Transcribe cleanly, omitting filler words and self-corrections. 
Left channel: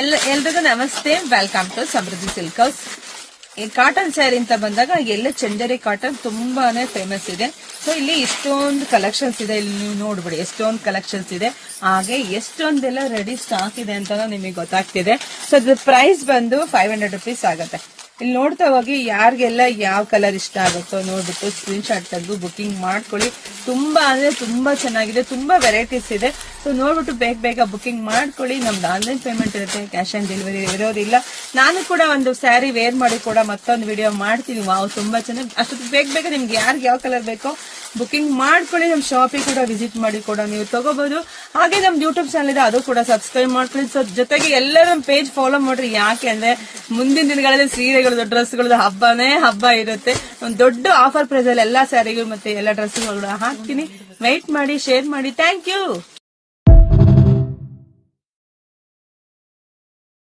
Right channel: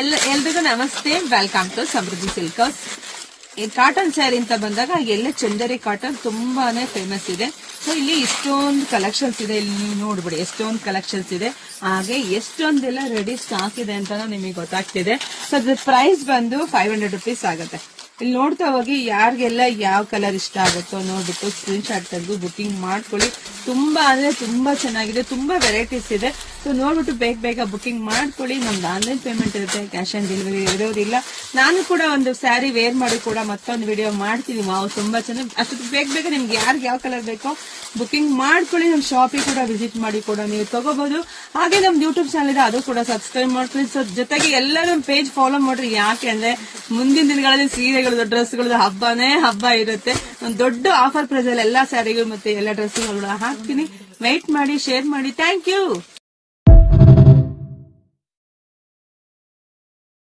ಎಲ್ರಿಗೂ ನಮಸ್ತೆ. Welcome to Samruddhi silk house. ಈ ಕಾಟನ್ ಸ್ಯಾರಿ ಅಂತ ಬಂದಾಗ ಎಲ್ಲ ಚಂದೇರಿ ಕಾಟನ್ ತುಂಬಾನೇ ಫೇಮಸ್ ಇದೆ. ಸೊ ಇಲ್ಲಿ ಇಷ್ಟೊಂದು ಕಲೆಕ್ಷನ್ಸ್ ಇದೆ. ಇಲ್ಲಿ ನೀವು ನೋಡ್ಬಿಡಿ ಎಷ್ಟೊಂದು ಕಲೆಕ್ಷನ್ಸ್ ಇದೆ, ಹಾಗೆ ಎಷ್ಟೊಂದೆಲ್ಲ ರೆಡಿ ಸ್ಟಾಕ್ ಇದೆ ಅಂತ ನಿಮಗೆ ಗೊತ್ತಾಗ್ತಿದೆ. ಸೊ ಅದ್ರ ಪ್ರೈಸ್ ಬಂದು 500 rupees ಆಗುತ್ತೆ. ಇಲ್ಲಿ ನೋಡ್ತಾ ಹೋಗಿ ಯಾರಿಗೆಲ್ಲ ಯಾವ ಕಲರ್ ಇಷ್ಟ ಆಗುತ್ತೋ ನೋಡ್ಬಿಟ್ಟು ಸ್ಕ್ರೀನ್ ಶಾಟ್ ತೆಗೆದು ಬುಕಿಂಗ್ ಮಾಡ್ಕೊಳ್ಳಿ. ತುಂಬಾ ಅಂದ್ರೆ ತುಂಬಾ ಚೆನ್ನಾಗಿದೆ, ತುಂಬಾ ವೆರೈಟೀಸ್ ಇದೆ. ಸೊ ನೋಡ್ಬಿಟ್ಟು ಬೇಗ ಬುಕಿಂಗ್ ಮಾಡ್ಕೊಳ್ಳಿ. ನಮ್ದು ಆನ್ಲೈನ್ ಪೇಮೆಂಟ್ ಇರುತ್ತೆ, ಕ್ಯಾಶ್ ಆನ್ ಡೆಲಿವರಿ ಇರೋದಿಲ್ಲ. ನಾನು ಕೂಡ ಒಂದು ಸ್ಯಾರಿ ವೇರ್ ಮಾಡಿ ಕೂಡ ಮತ್ತೊಂದು ವಿಡಿಯೋ ಮಾಡ್ತೀನಿ. ವಾವ್, ತುಂಬಾ ಚೆನ್ನಾಗಿ. ಅಷ್ಟು ಬೇಗ ನಿಮ್ಗೆ ಯಾರಿಗೆ ಯಾವ ಕಲರ್ ಬೇಕೋ ಬುಕಿಂಗ್ ಮಾಡ್ಕೊಳ್ಳಿ. ನಮ್ಮ ಶಾಪಿಗೆ ಕೂಡ ವಿಸಿಟ್ ಮಾಡಿ ಕೂಡ ನೀವು ತಗೋಬಹುದು. ಹಾಗೆ ನಮ್ದು ಯೂಟ್ಯೂಬ್ ಚಾನಲ್ ಇದೆ, ಅದು ಕೂಡ ಸಬ್ಸ್ಕ್ರೈಬ್ ಮಾಡ್ಕೊಳ್ಳಿ. ಸೊ ಜೊತೆಗೆ ಎಲ್ಲರ ಪೇಜ್ ಫಾಲೋ ಮಾಡ್ರಿ. ಯಾಕೆ ಅಂದ್ರೆ ಮುಂದಿನ ದಿನಗಳಲ್ಲಿ ಸೀರೆಗಳದ್ದು ಡ್ರೆಸ್ಗಳದ್ದು ಹಬ್ಬ ಇರುತ್ತೆ. ಒಂದು ದೊಡ್ಡ ಆಫರ್ ಪ್ರೈಸ್ ಅಲ್ಲಿ ಎಲ್ಲಾ ಸ್ಯಾರಿಗಳು ಮತ್ತೆ ಎಲ್ಲಾ ಡ್ರೆಸ್ಗಳು ಹಾಕ್ತೀನಿ. ವೈಟ್ ಮಾಡಿ, ಶೇರ್ ಮಾಡಿ. Thank you.